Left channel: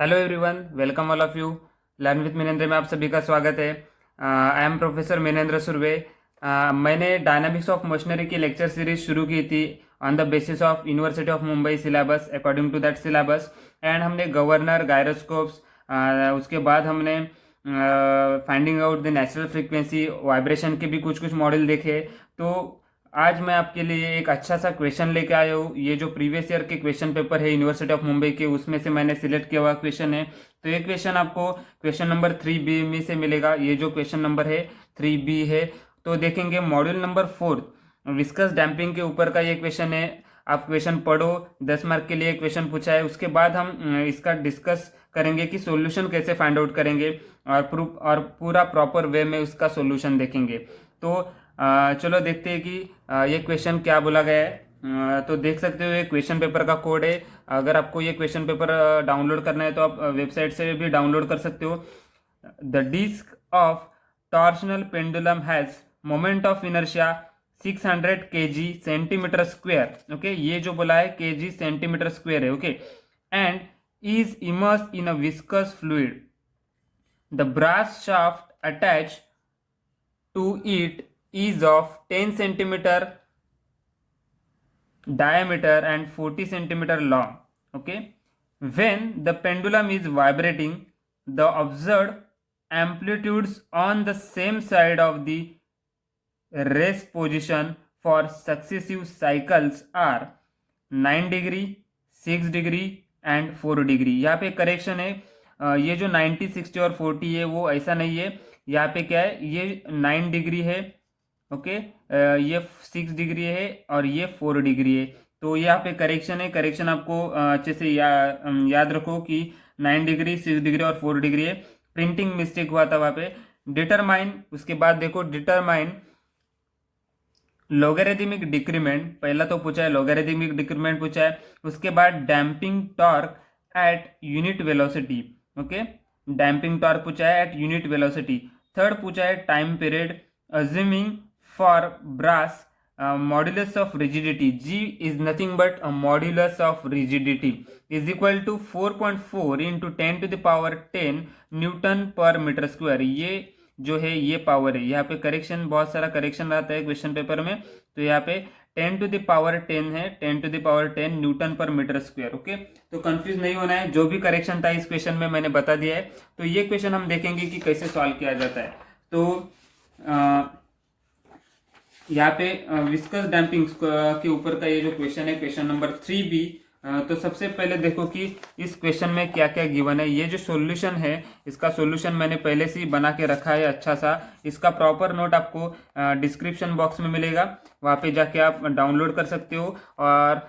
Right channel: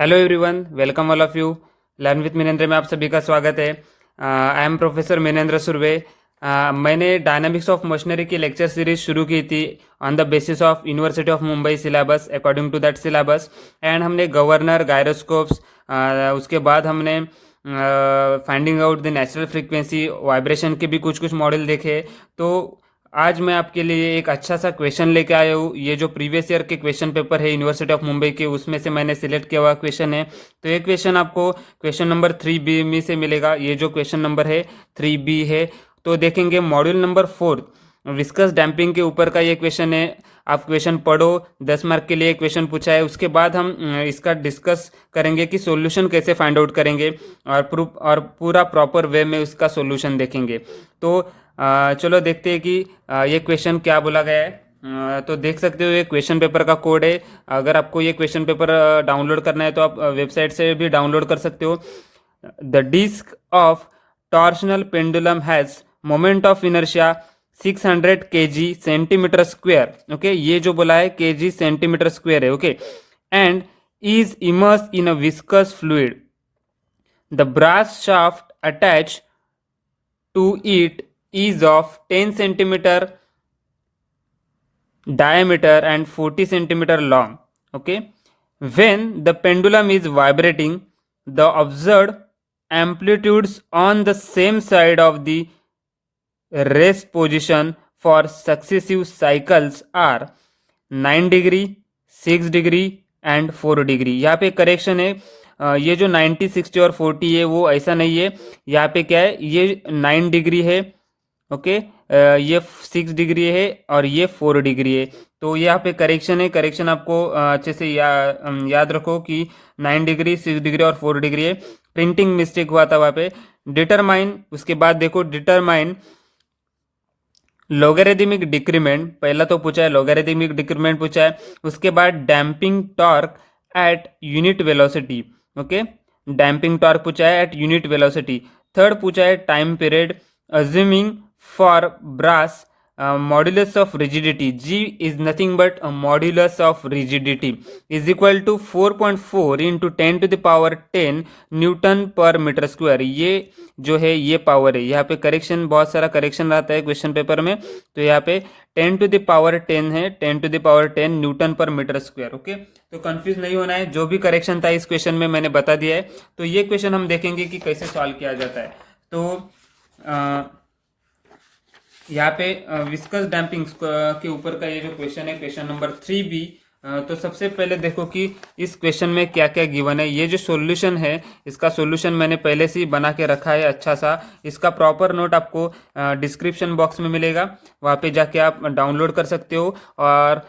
Hello everyone, welcome all of you. Learn with Minendra में आप सभी का स्वागत है। I am professor Minendra Surve. मैंने डायनामिक्स ऑफ मशीनरी की लेक्चर सीरीज शुरू की थी on the basis of university of Mumbai syllabus, according to that syllabus. And हमने गवर्नर, गायरोस्कोप्स, उसके बाद हमने finding out the natural frequency, vibration के भी कुछ कुछ मॉडल देखे। तो आज मैं आपके लिए एक अच्छा सा क्वेश्चन लेके आया हूँ। ये जो प्रीवियस ईयर के क्वेश्चन पेपर है यूनिवर्सिटी ऑफ मुंबई के, उसमें से मैंने सिलेक्ट किया हुआ क्वेश्चन है। तो ये क्वेश्चन आपको क्वेश्चन नंबर 3B में से मिलेगा। ये जो क्वेश्चन नंबर है 3B है। तो देखेंगे मॉड्यूल नंबर 4 विस्कस डैम्पिंग के ऊपर का ये क्वेश्चन है। आप क्वेश्चन पढ़ो, 10 मार्क के लिए क्वेश्चन पूछा है। उसके बाद हम इसका डिस्कस करेंगे कि सॉल्यूशन कैसे फाइंड आउट करेंगे, और प्रूफ और पूरा प्रॉपर वे में उसका सॉल्यूशन देखेंगे। तो चलो देखते हैं कि ये क्वेश्चन क्या बोला गया है। तो देख सकते हो ये क्वेश्चन पेपर का कोड है। अगर आपको ये क्वेश्चन पेपर डाउनलोड करना है तो आप वेबसाइट से भी डाउनलोड कर सकते हो। The disc of torsional pendulum has moment of inertia 600 kg centimetre square. Okay, ये जो बोला है kg सेंटीमीटर स्क्वायर है। Okay, and is immerse in a viscous fluid. The brass shaft attach to it is of 10 centimeter diameter and 40 centimeter long. Okay, when the pendulum is vibrating, the observed amplitudes on the same side of the rest position for successive cycles are 9 degree, 6 degree and 4 degree. यहाँ पे correction है, ये जो 90, 60 और 40 है वो ऐसा नहीं है। यहाँ पे क्या है, ये 9 डिग्री है। ओके, ये 6 डिग्री है और ये 4 डिग्री है। तो यहाँ पे करेक्शन है। करेक्शन आपको अच्छे से याद रखो कि 9 डिग्री, 6 डिग्री और 4 डिग्री है। प्रिंटिंग मिस्टेक हुआ था वहाँ पे। डिटरमाइन, उसके बाद देखो डिटरमाइन लोगरिथमिक डिक्रीमेंट, पहला तो पूछा है लोगरिथमिक डिक्रीमेंट पूछा है। उसके बाद damping torque at unit velocity. Okay, damping torque पूछा है एट यूनिट वेलोसिटी। थर्ड पूछा है time period assuming for brass modulus of rigidity. G is nothing but modulus of rigidity is equal to 4.4 into 10⁻10 newton per metre square. ये जो है ये power है। यहाँ पे करेक्शन, बहुत सारा करेक्शन रहता है क्वेश्चन पेपर में। तो यहाँ पे 10⁻10 है, 10⁻10 newton per metre square. Okay, तो कंफ्यूज नहीं होना है। जो भी करेक्शन था इस क्वेश्चन में मैंने बता दिया है। तो ये क्वेश्चन हम देखेंगे कि कैसे सॉल्व किया जाता है। तो यहाँ पे विस्कस डैम्पिंग के ऊपर का ये जो क्वेश्चन है, क्वेश्चन नंबर 3B। तो सबसे पहले देखो कि इस क्वेश्चन में क्या क्या गिवन है। ये जो सॉल्यूशन है, इसका सॉल्यूशन मैंने पहले से ही बना के रखा है अच्छा सा। इसका प्रॉपर नोट आपको डिस्क्रिप्शन बॉक्स में मिलेगा, वहाँ पे जाके आप डाउनलोड कर सकते हो। और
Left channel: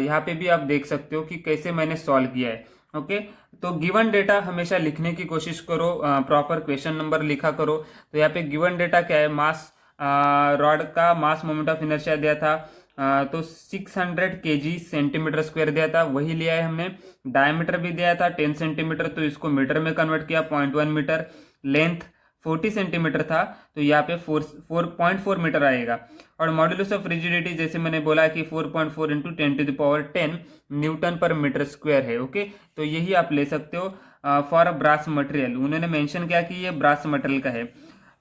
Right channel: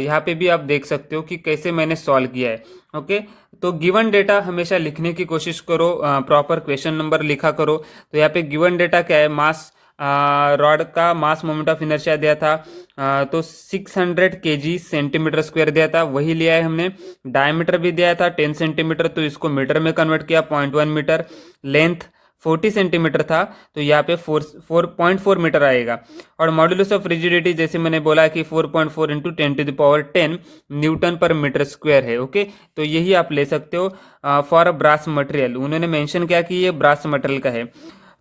यहाँ पे भी आप देख सकते हो कि कैसे मैंने सॉल्व किया है। ओके, तो गिवन डेटा हमेशा लिखने की कोशिश करो, प्रॉपर क्वेश्चन नंबर लिखा करो। तो यहाँ पे गिवन डेटा क्या है, मास रॉड का मास मोमेंट ऑफ इनर्शिया दिया था, तो 600 kg सेंटीमीटर स्क्वायर दिया था, वही लिया है हमने। डायमीटर भी दिया था 10 सेंटीमीटर, तो इसको मीटर में कन्वर्ट किया, 0.1 मीटर। लेंथ 40 सेंटीमीटर था, तो यहाँ पे 4.4 मीटर आएगा। और मॉड्यूलस ऑफ रिजिडिटी जैसे मैंने बोला कि 4.4 into 10⁻10 newton per metre square है। ओके, तो यही आप ले सकते हो फॉर ब्रास मटेरियल। उन्होंने मेंशन किया कि ये ब्रास मटेरियल का है।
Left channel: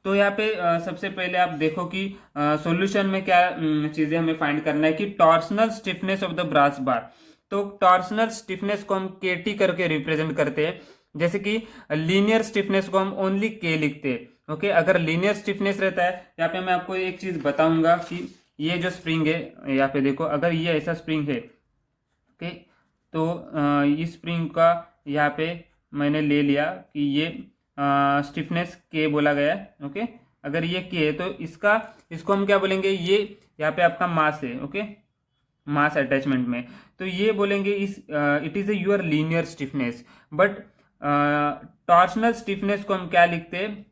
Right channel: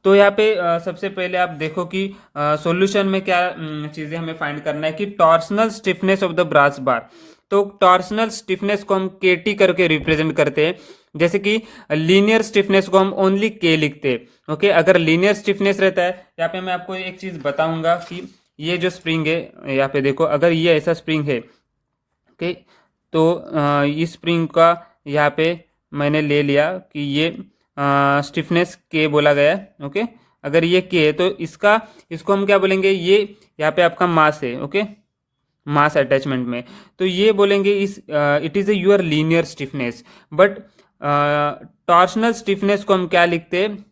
तो यहाँ पे सबसे पहले आप देखो कि सॉल्यूशन में क्या चीजें हमें फाइंड करना है कि torsional stiffness of the brass bar. तो टॉर्सनल स्टिफनेस को हम KT करके रिप्रेजेंट करते हैं, जैसे कि लीनियर स्टिफनेस को हम ओनली K लिखते हैं। ओके, अगर लीनियर स्टिफनेस रहता है, यहाँ पे मैं आपको एक चीज बताऊंगा कि ये जो स्प्रिंग है, यहाँ पे देखो, अगर ये ऐसा स्प्रिंग है, ओके, तो इस स्प्रिंग का यहाँ पे मैंने ले लिया कि ये स्टिफनेस K बोला गया है। ओके, अगर ये K है तो इसको हम क्या बोलेंगे, ये यहाँ पे आपका मास है। ओके, मास अटैचमेंट में, तो ये बोलेंगे इस it is a your linear stiffness. But torsional stiffness को हम क्या लिखते हैं,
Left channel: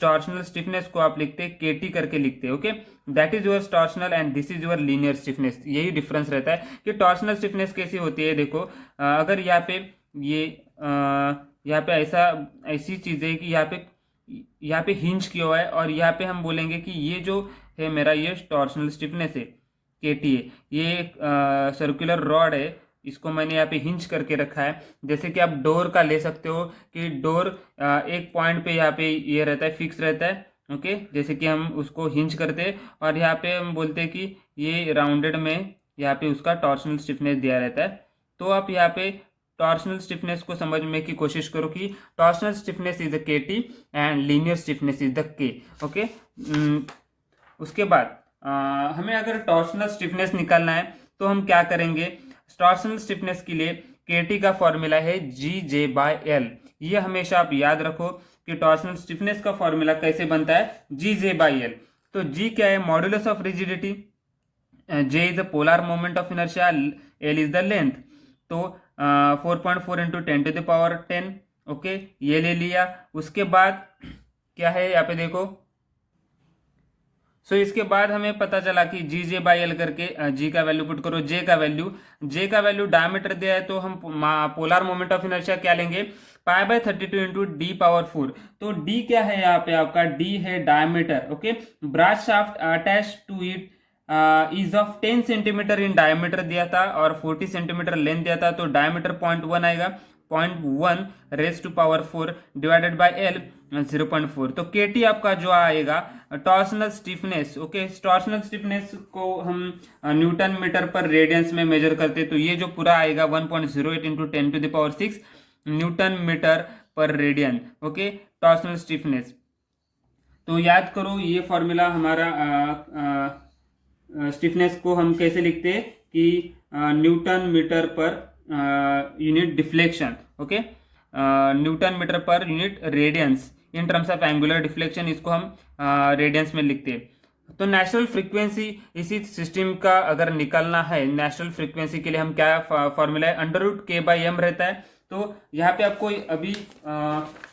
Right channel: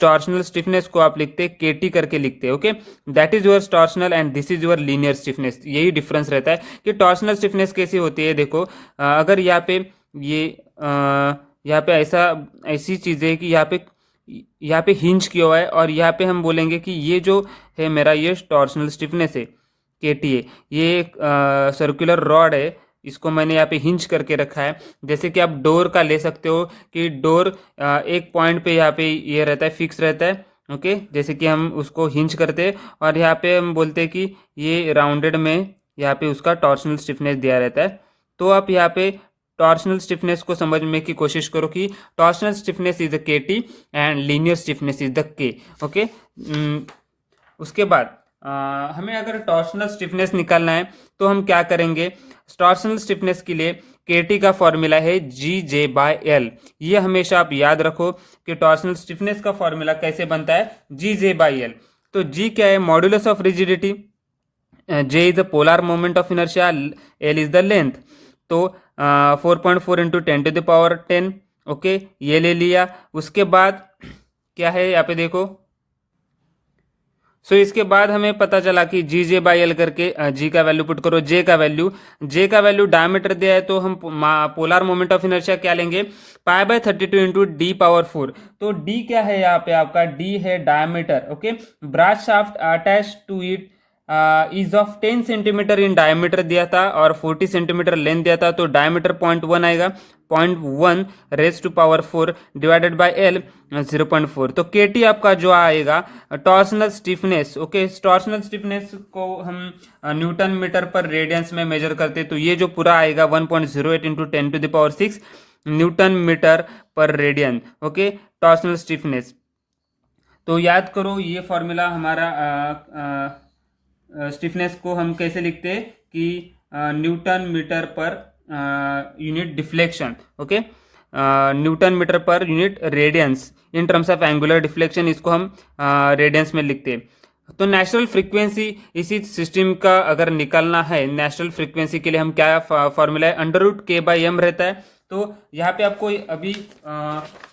टॉर्शनल स्टिफनेस को आप लिखते हैं KT करके लिखते हैं। Okay, that is your torsional and this is your linear stiffness. यही डिफरेंस रहता है कि टॉर्शनल स्टिफनेस कैसी होती है। देखो, अगर यहाँ पे ये यहाँ पे ऐसी चीज़ है कि यहाँ पे हिंज किया हुआ है, और यहाँ पे हम बोलेंगे कि ये जो है मेरा, ये टॉर्शनल स्टिफनेस है, KT है। ये एक सर्कुलर रॉड है, इसको मैंने यहाँ पे हिंज करके रखा है। जैसे कि आप डोर का ले सकते हो कि डोर एक पॉइंट पे यहाँ पे ये रहता है, फिक्स रहता है। ओके, जैसे कि हम उसको हिंज करते हैं और यहाँ पे हम बोलते हैं कि ये राउंडेड में यहाँ पे उसका टॉर्शनल स्टिफनेस दिया रहता है। तो आप यहाँ पे टॉर्शनल स्टिफनेस को समझने की कोशिश करो कि टॉर्शनल स्टिफनेस इज द के T and linear stiffness is the के। ओके, उसके बाद हमें अगर टॉर्शनल स्टिफनेस निकालना है तो हम क्या करेंगे। टॉर्शनल स्टिफनेस के लिए के टी का फॉर्मूला है जी जे बाय एल। ये हमेशा आप याद रखो कि टॉर्शनल स्टिफनेस का फॉर्मूला कैसे बनता है, जी जे बाय एल। तो जी क्या है, modulus of rigidity, J is the polar moment of inertia, L is the length. तो 4.4 इंटू 10⁻10। ओके, ये ले लिया। उसके बाद क्या है यहाँ पे देखो, इसके बाद हमें पता चला कि जी जे बाई एल करके जी का वैल्यू पुट करो, जे का वैल्यू डायमीटर दिया है तो हम पोलर मोमेंट ऑफ इनर्शिया क्या लेंगे, π/32 इंटू डी पावर 4। तो डी क्या है यहाँ पे आपका, डी है diameter. Okay, brass shaft attach to it is of 10 centimetre in diameter दिया था और 40 सेंटीमीटर लेंथ दिया था। तो डायमीटर 0.1 आएगा, 0.1 raise to power 4 divided by L 0.4। तो के टी आपका जो आएगा torsional stiffness. Okay, torsional stiffness को हम न्यूटन मीटर पर रेडियंस में मेजर करते हैं। तो ये जो पूरा आएगा 1.08 into 10⁻6 newton metre per radian. Okay, torsional stiffness. तो याद करो ये फॉर्मूला हमारा स्टिफनेस को हम कैसे लिखते हैं कि newton metre per unit deflection. Okay, newton metre per unit radians in terms of angular deflection, इसको हम रेडियंस में लिखते हैं। तो नेचुरल फ्रीक्वेंसी इसी सिस्टम का अगर निकालना है, नेचुरल फ्रीक्वेंसी के लिए हम क्या फॉर्मूला है, √k/m रहता है। तो यहाँ पे आपको अभी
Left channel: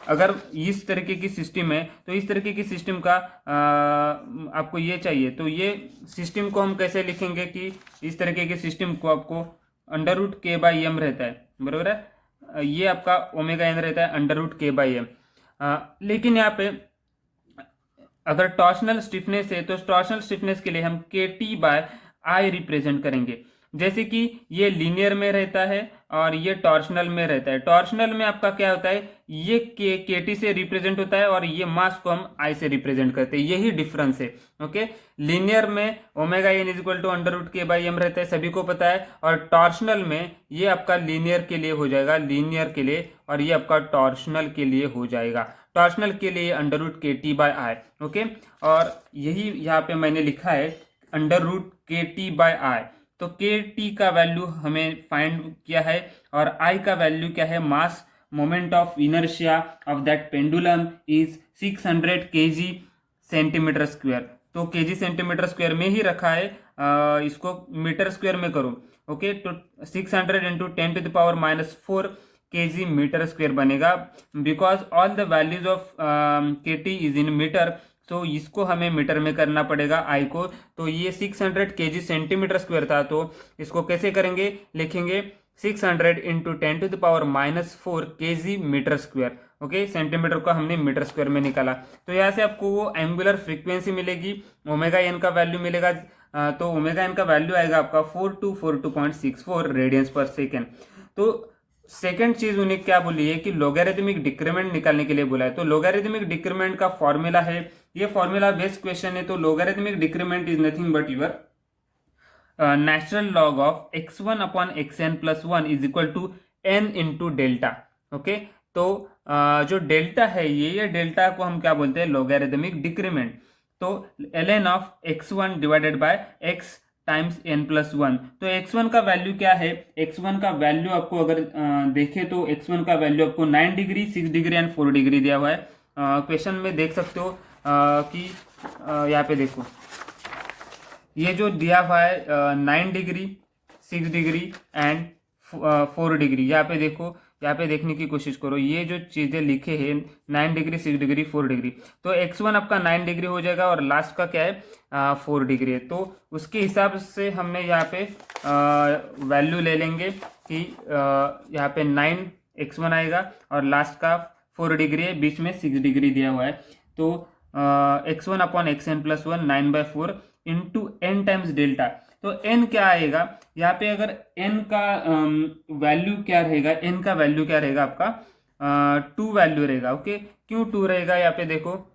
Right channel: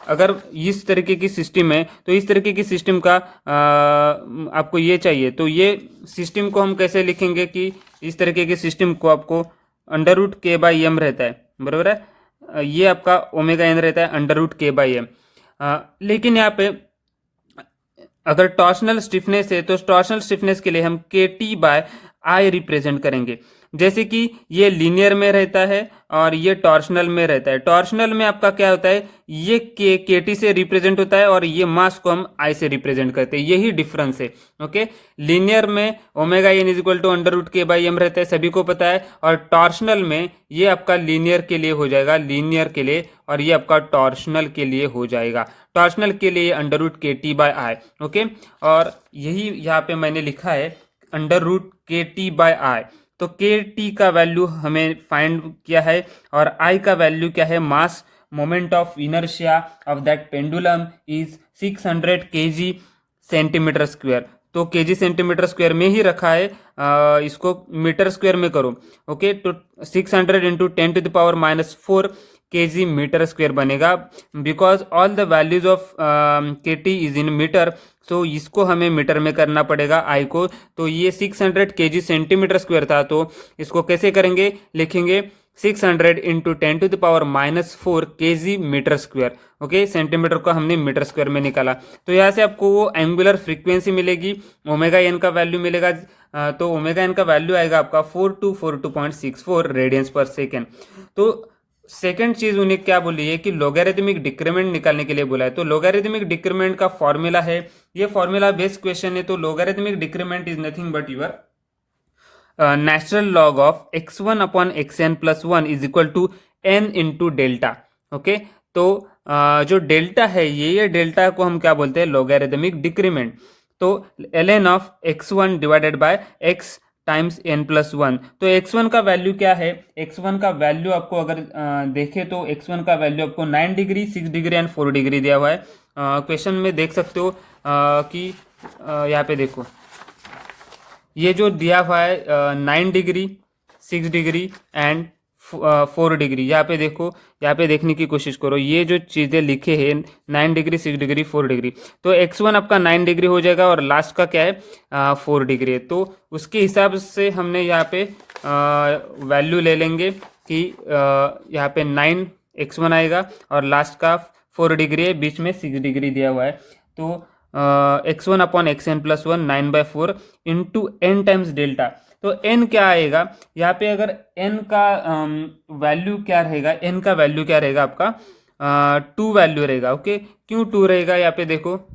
अगर इस तरीके की सिस्टम है तो इस तरीके की सिस्टम का आपको ये चाहिए, तो ये सिस्टम को हम कैसे लिखेंगे कि इस तरीके की सिस्टम को आपको √k/m रहता है, बराबर है। ये आपका ω_n रहता है √k/m। लेकिन यहाँ पे अगर टॉर्शनल स्टिफनेस है तो टॉर्शनल स्टिफनेस के लिए हम KT/I रिप्रेजेंट करेंगे। जैसे कि ये लीनियर में रहता है और ये टॉर्शनल में रहता है। टॉर्शनल में आपका क्या होता है, ये KT से रिप्रेजेंट होता है और ये मास को हम I से रिप्रेजेंट करते हैं, यही डिफरेंस है। ओके, लीनियर में ω_n = √k/m रहता है, सभी को पता है। और टॉर्शनल में ये आपका लीनियर के लिए हो जाएगा, लीनियर के लिए, और ये आपका टॉर्शनल के लिए हो जाएगा। टॉर्शनल के लिए √KT/I। ओके, और यही यहाँ पे मैंने लिखा है √KT/I। तो KT का वैल्यू हमें फाइंड किया है और I का वैल्यू क्या है, मास moment of inertia of that pendulum is 600 kg centimetre square. तो kg सेंटीमीटर स्क्वायर में ही रखा है, इसको मीटर स्क्वायर में करो। ओके, तो 600 इंटू 10⁻⁻4 kg मीटर स्क्वायर बनेगा, because all the values of KT is in metre. So इसको हमें मीटर में करना पड़ेगा I को। तो ये 600 kg सेंटीमीटर स्क्वायर था, तो इसको कैसे करेंगे, लिखेंगे 600 into 10⁻⁻4 kg metre square. Okay, centimetre को हमने मीटर स्क्वायर में निकाला। तो यहाँ से आपको वो एंगुलर फ्रीक्वेंसी मिलेगी, ω_n का वैल्यू मिलेगा। तो ω_n का वैल्यू आएगा आपका 4242.64 रेडियंस पर सेकेंड। तो सेकेंड चीज उन्हें क्या बोली है कि लोगैरिथमिक डिक्रीमेंट निकालने के लिए बोला है। तो लोगैरिथमिक डिक्रीमेंट का फॉर्मूला है, ये फॉर्मूला बेस्ड क्वेश्चन है। तो logarithmic decrement is nothing but your natural log of x1/xn+1 is equal to n into delta. Okay, तो जो डेल्टा है ये डेल्टा को हम क्या बोलते हैं, लोगैरिथमिक डिक्रीमेंट। तो ln of x1 divided bye x times n+1। तो x1 का वैल्यू क्या है, x1 का वैल्यू आपको अगर देखें तो x1 का वैल्यू आपको 9 डिग्री, 6 डिग्री एंड 4 डिग्री दिया हुआ है। क्वेश्चन में देख सकते हो कि यहाँ पे देखो ये जो दिया हुआ है 9 डिग्री, 6 डिग्री एंड 4 डिग्री। यहाँ पे देखो, यहाँ पे देखने की कोशिश करो, ये जो चीज़ें लिखे हैं 9 डिग्री, 6 डिग्री, 4 डिग्री। तो x1 आपका 9 डिग्री हो जाएगा और लास्ट का क्या है 4 डिग्री है। तो उसके हिसाब से हमने यहाँ पे वैल्यू ले लेंगे कि यहाँ पे 9 x1 आएगा और लास्ट का 4 डिग्री है, बीच में 6 डिग्री दिया हुआ है। तो x1/xn+1 9/4 into n times delta. तो एन क्या आएगा यहाँ पे, अगर एन का वैल्यू क्या रहेगा, एन का वैल्यू क्या रहेगा आपका 2 वैल्यू रहेगा। ओके, क्यों 2 रहेगा यहाँ पे देखो,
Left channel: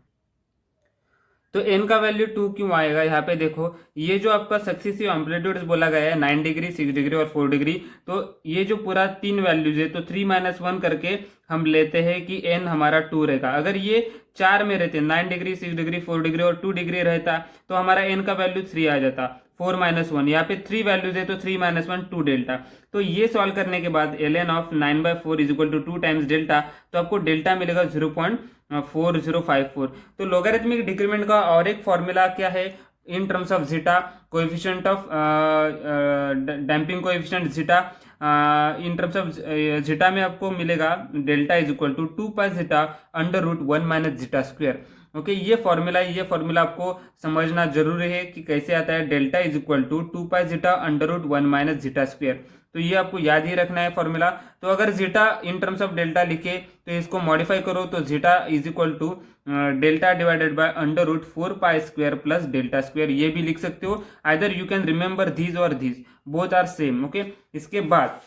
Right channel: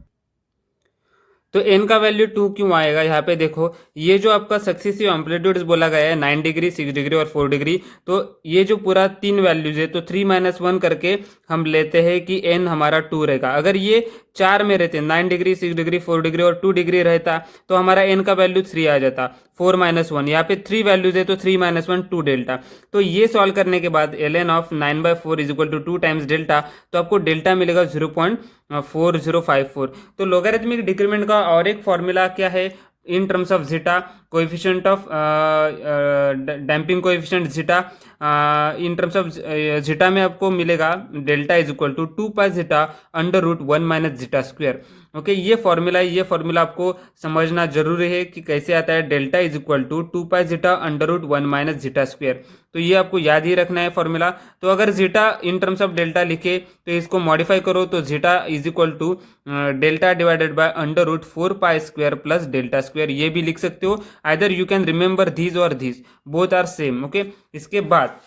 तो एन का वैल्यू 2 क्यों आएगा यहाँ पे देखो, ये जो आपका सक्सेसिव एम्पलीट्यूड्स बोला गया है 9 डिग्री, 6 डिग्री और 4 डिग्री, तो ये जो पूरा 3 वैल्यूज है तो 3 - 1 करके हम लेते हैं कि एन हमारा 2 रहेगा। अगर ये 4 में रहते, 9 डिग्री, 6 डिग्री, 4 डिग्री और 2 डिग्री रहता, तो हमारा एन का वैल्यू 3 आ जाता। 4 - 1, यहाँ पे 3 वैल्यूज है तो 3 - 1 2 डेल्टा। तो ये सॉल्व करने के बाद ln of 9/4 is equal to 2 times delta, तो आपको डेल्टा मिलेगा 0.4054। तो लोगरिथमिक डिक्रीमेंट का और एक फॉर्मूला क्या है, in terms of zeta, coefficient of damping coefficient zeta, in terms of zeta में आपको मिलेगा delta is equal to 2 pi zeta under root 1 - zeta square. Okay, ये फॉर्मूला है, ये फॉर्मूला आपको समझना जरूरी है कि कैसे आता है, delta is equal to 2 pi zeta under root 1 - zeta square. तो ये आपको याद ही रखना है फॉर्मूला। तो अगर zeta in terms of delta लिखे तो इसको मॉडिफाई करो, तो zeta is equal to delta divided by under root 4 pi square plus delta square, ये भी लिख सकते हो। Either you can remember these और these, both are same. Okay, इसके बाद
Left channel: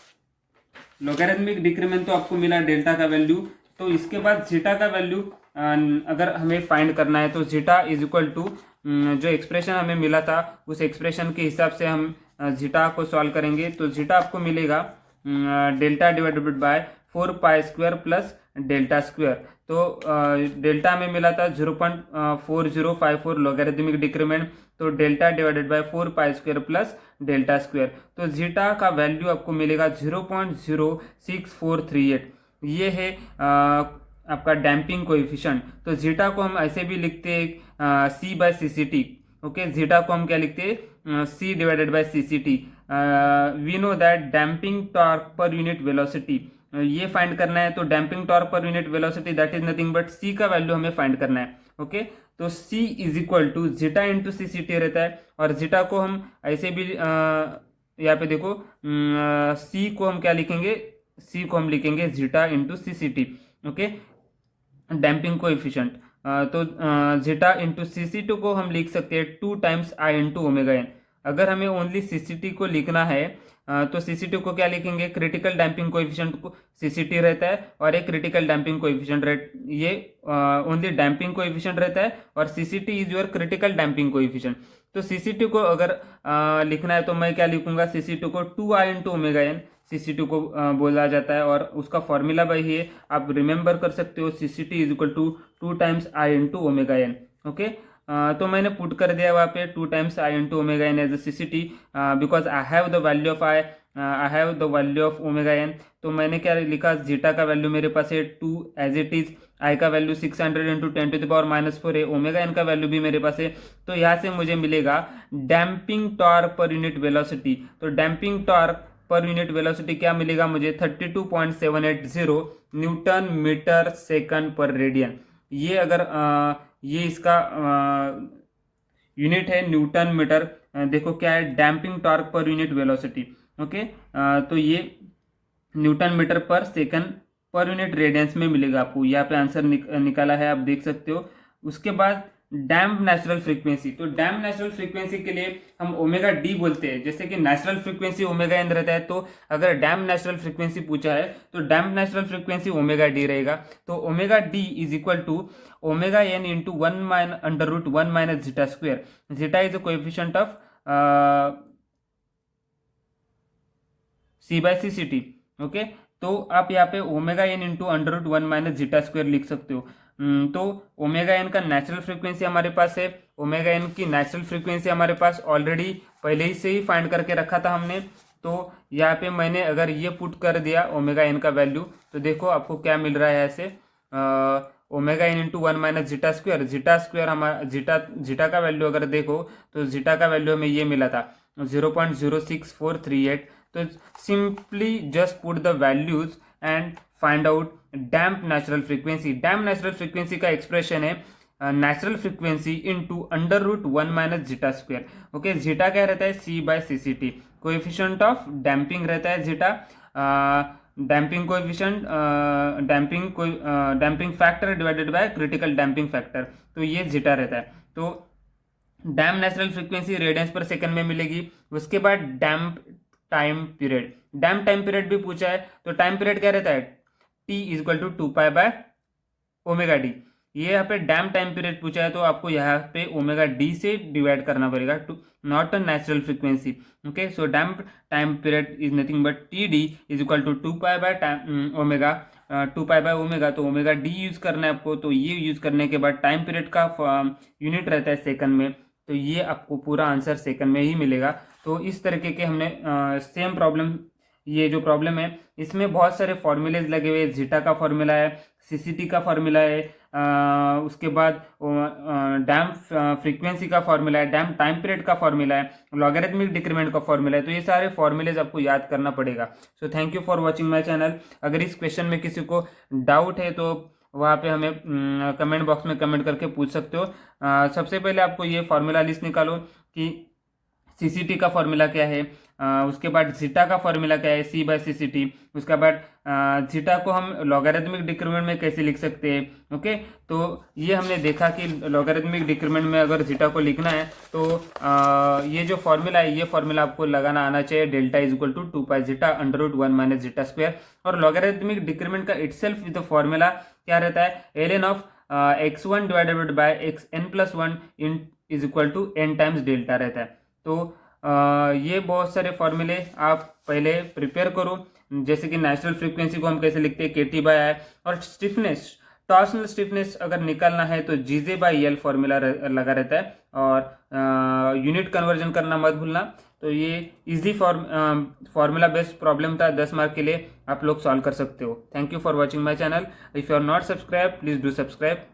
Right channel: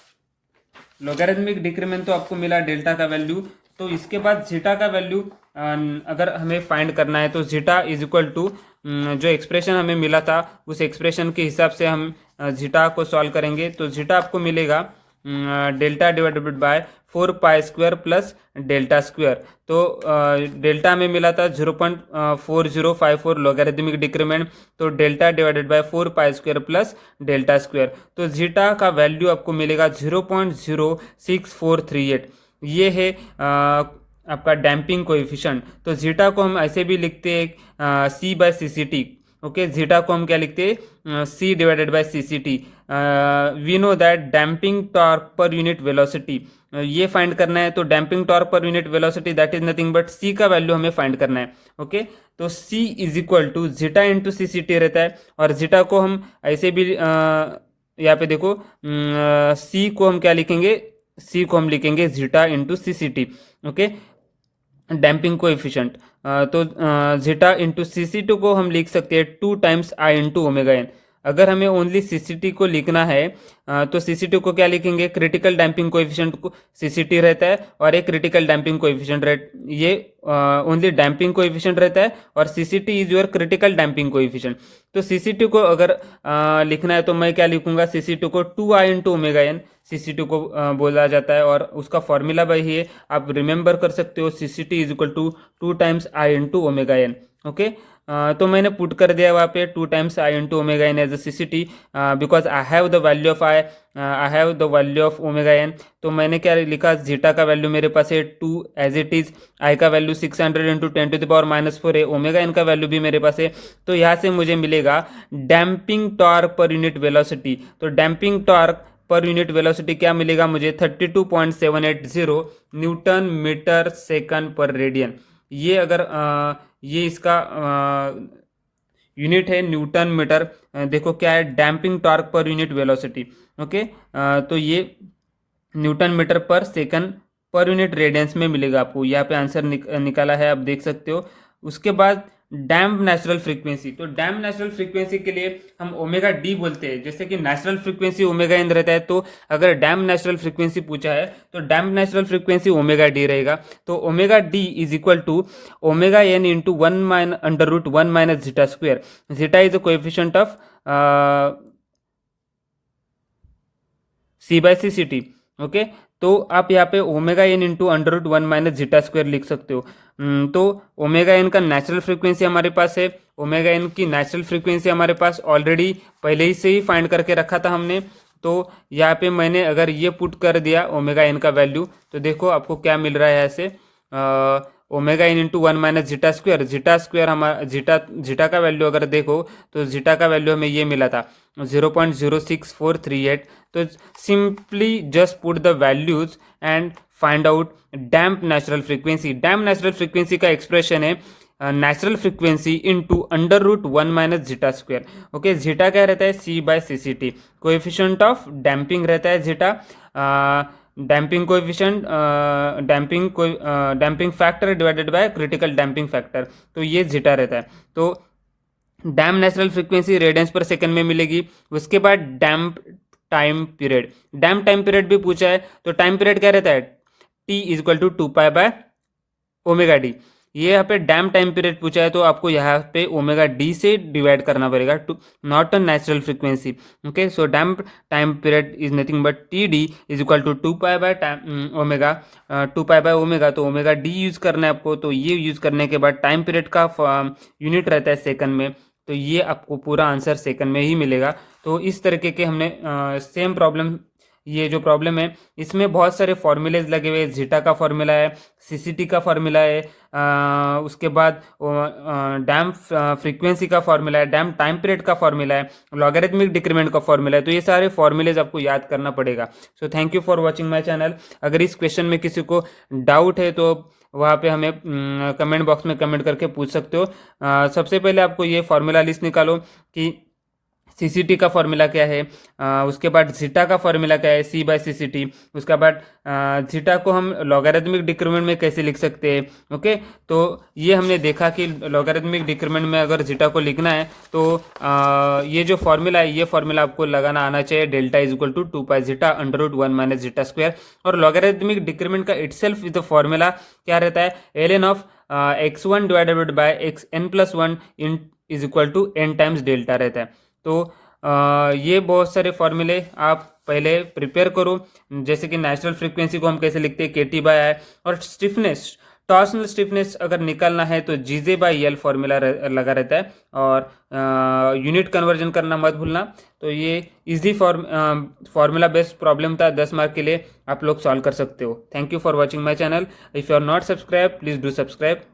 लोगरिथमिक डिक्रीमेंट तो आपको मिला डेल्टा का वैल्यू, तो इसके बाद जीटा का वैल्यू अगर हमें फाइंड करना है तो जीटा इज इक्वल टू जो एक्सप्रेशन हमें मिला था उस एक्सप्रेशन के हिसाब से हम जीटा को सॉल्व करेंगे। तो जीटा आपको मिलेगा delta divided bye 4 pi square plus delta square. तो डेल्टा में मिला था 0.4054 लोगरिथमिक डिक्रीमेंट, तो delta divided bye 4 pi square plus delta square, तो जीटा का वैल्यू आपको मिलेगा 0.06438। ये है आपका डैम्पिंग कोएफिशिएंट। तो जीटा को हम ऐसे भी लिखते हैं C/CCT। ओके, जीटा को हम क्या लिखते हैं, C divided by CCT। We know that damping torque per unit velocity, ये फाइंड करना है। तो damping torque per unit velocity that is nothing but C का वैल्यू हमें फाइंड करना है। ओके, तो C is equal to zeta into CCT रहता है, और जीटा को हम ऐसे भी यहाँ पे देखो C को हम क्या लिखेंगे, C को हम लिखेंगे zeta into CCT। Okay, damping coefficient, तो जीटा इंटू CCT को हम लिख सकते हैं 2 times I into omega N. अगर हमें ओनली CCT को लिखना है तो CCT को क्या लिखेंगे, क्रिटिकल डैम्पिंग कोएफिशिएंट को CCT रहता है, और एक क्रिटिकल डैम्पिंग कोएफिशिएंट ये ओनली डैम्पिंग कोएफिशिएंट रहता है, और CCT is your critical damping coefficient. तो CCT को अगर लिखना है तो मैं क्या लिखूंगा, CCT को 2I into omega N CCT को बोला जाता है, और उसका फॉर्मूला भाई है, आप रिमेंबर कर सकते हो, CCT is equal to 2 times I into omega N. Okay, तो मैंने पुट कर दिया वहाँ पे 2 times I into omega N as a CCT, because I have the value of I have the value of omega N. तो मैंने क्या लिखा, जीटा का वैल्यू मेरे पास है 2 एज इट इज, आई का वैल्यू 600 इंटू 10⁻⁻4 है, ओमेगा एन का वैल्यू भी मेरे पास है। तो यहाँ से मुझे मिलेगा damping torque per unit velocity. तो damping torque per unit velocity क्या मिलेगा मुझे, 32.780 newton metre second per radian. ये अगर ये इसका यूनिट है न्यूटन मीटर, देखो क्या है, damping torque per unit velocity. Okay, तो ये न्यूटन मीटर पर सेकंड पर यूनिट रेडियंस में मिलेगा आपको। यहाँ पे आंसर निकाला है, आप देख सकते हो। उसके बाद डैम्प नेचुरल फ्रीक्वेंसी, तो डैम्प नेचुरल फ्रीक्वेंसी के लिए हम ओमेगा डी बोलते हैं, जैसे कि नेचुरल फ्रीक्वेंसी ओमेगा एन रहता है। तो अगर डैम्प नेचुरल फ्रीक्वेंसी पूछा है तो damp natural frequency omega D रहेगा। तो omega D is equal to omega N into 1 under root 1 - zeta square. Zeta is the coefficient of C/CCT। Okay, तो आप यहाँ पे omega N into under root 1 - zeta square लिख सकते हो। तो ओमेगा एन का नेचुरल फ्रीक्वेंसी हमारे पास है, ओमेगा एन की नेचुरल फ्रीक्वेंसी हमारे पास ऑलरेडी पहले ही से ही फाइंड करके रखा था हमने। तो यहाँ पे मैंने अगर ये पुट कर दिया ओमेगा एन का वैल्यू, तो देखो आपको क्या मिल रहा है ऐसे, omega N into 1 - zeta square. Zeta square हमारा जीटा का वैल्यू अगर देखो तो जीटा का वैल्यू हमें ये मिला था 0.06438। तो simply just put the values and find out damp natural frequency. Damp natural frequency का एक्सप्रेशन है natural frequency into under root 1 - zeta square. Okay, zeta क्या रहता है, C/CCT, कोएफिशिएंट ऑफ डैम्पिंग रहता है zeta, damping coefficient damping factor divided by critical damping factor, तो ये zeta रहता है। तो डैम नेचुरल फ्रीक्वेंसी रेडियंस पर सेकंड में मिलेगी। उसके बाद डैम्प टाइम पीरियड, डैम्प टाइम पीरियड भी पूछा है, तो टाइम पीरियड क्या रहता है, T is equal to 2 pi omega D. ये यहाँ पे डैम टाइम पीरियड पूछा है, तो आपको यहाँ पे ओमेगा डी से डिवाइड करना पड़ेगा, to not a natural frequency. Okay, so damp time period is nothing but T D is equal to 2 पाई/ओमेगा, 2 पाई/ओमेगा, तो ओमेगा डी यूज करना है आपको। तो ये यूज करने के बाद टाइम पीरियड का यूनिट रहता है सेकंड में, तो ये आपको पूरा आंसर सेकंड में ही मिलेगा। तो इस तरीके के हमने सेम प्रॉब्लम, ये जो प्रॉब्लम है इसमें बहुत सारे फॉर्मूलेज लगे हुए हैं। जीटा का फॉर्मूला है, सीसीटी का फॉर्मूला है, उसके बाद डैम फ्रीक्वेंसी का फॉर्मूला है, डैम टाइम पीरियड का फॉर्मूला है, लॉगरिथमिक डिक्रीमेंट का फॉर्मूला है। तो ये सारे फॉर्मूलेज आपको याद करना पड़ेगा। So thank you for watching my channel. अगर इस क्वेश्चन में किसी को डाउट है तो वहाँ पे हमें कमेंट बॉक्स में कमेंट करके पूछ सकते हो। सबसे पहले आपको ये फॉर्मूला लिस्ट निकालो कि सीसीटी का फॉर्मूला क्या है, उसके बाद जीटा का फॉर्मूला क्या है, C/CCT। उसके बाद जीटा को हम लॉगरिथमिक डिक्रीमेंट में कैसे लिख सकते हैं। ओके, तो ये हमने देखा कि लॉगरिथमिक डिक्रीमेंट में अगर जीटा को लिखना है तो ये जो फॉर्मूला है, ये फॉर्मूला आपको लगाना आना चाहिए, डेल्टा इज इक्वल टू 2 पाई/जीटा √1 - जीटा स्क्वायर। और लॉगरिथमिक डिक्रीमेंट का इटसेल्फ विद द फॉर्मूला क्या रहता है, ln of x1 divided by xn+1 is equal to n times delta रहता है। तो ये बहुत सारे फॉर्मूले आप पहले प्रिपेयर करो, जैसे कि नेचुरल फ्रीक्वेंसी को हम कैसे लिखते हैं, KT/I। और स्टिफनेस, टॉर्सनल स्टिफनेस अगर निकालना है तो GJ/L फॉर्मूला लगा रहता है। और यूनिट कन्वर्जन करना मत भूलना। तो ये इजी फॉर्मूला बेस्ड प्रॉब्लम था, 10 मार्क के लिए आप लोग सॉल्व कर सकते हो। Thank you for watching my channel. If you are not subscribe, please do subscribe.